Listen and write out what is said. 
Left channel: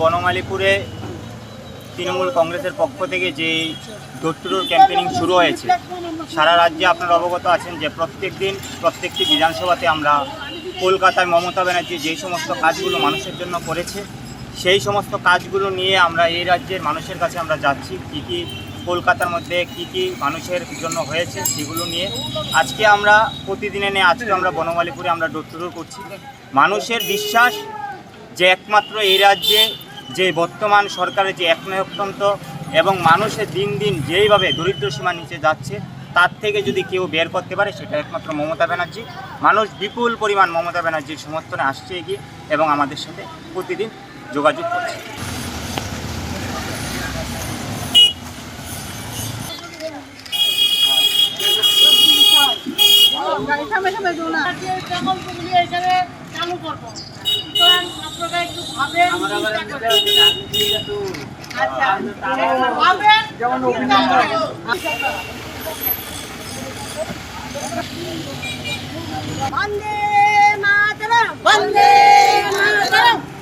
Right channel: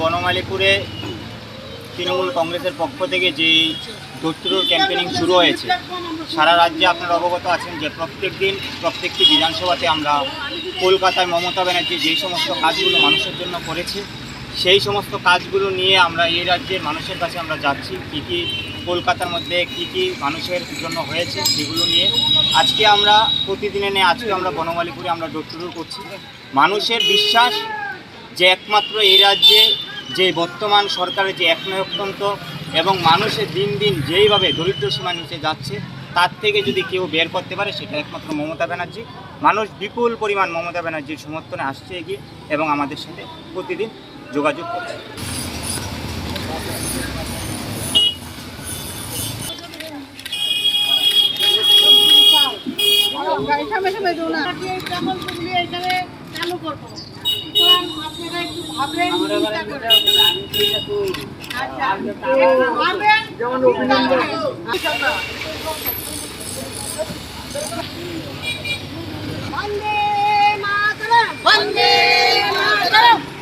বনমালীপুরে তৃণমূল কংগ্রেসের পক্ষ থেকে যে ডোর টু ডোর ক্যাম্পেনিং শুরু হয়েছে, সারা রাজ্যে আপনারা অবগত আছেন যে প্রত্যেকটি বিধানসভাতে আমরা কলকাতায় মমতা ব্যানার্জি যে সমস্ত কাজগুলো মানুষের জন্য করেছে সেই সমস্ত কাজগুলো নিয়ে আমরা এই রাজ্যের মানুষের কাছে আমরা যাচ্ছি। কী কী কলকাতার মধ্যে কী মানুষের জন্য হয়েছে সেগুলো নিয়ে আজকে আমরা আজকে আমরা বনমালীপুরে আমরা ডোর টু ডোর করছি। মানুষের বিশ্বাস যে একমাত্র এই রাজ্যে যে বর্তমান সরকারের যে একনায়কতন্ত্র এবং মানুষের দিন দিন যেইভাবে দরিদ্র সীমা নিচে যাচ্ছে তার থেকে যদি কেউ বের করতে পারে সেটা একমাত্র মমতা ব্যানার্জি। মানুষ বিপুল পরিমাণ মমতা ব্যানার্জির সমর্থনে আসছে এগিয়ে এবং আমাদের সাথে প্রতিদিন যোগাযোগ করছে। বন্দে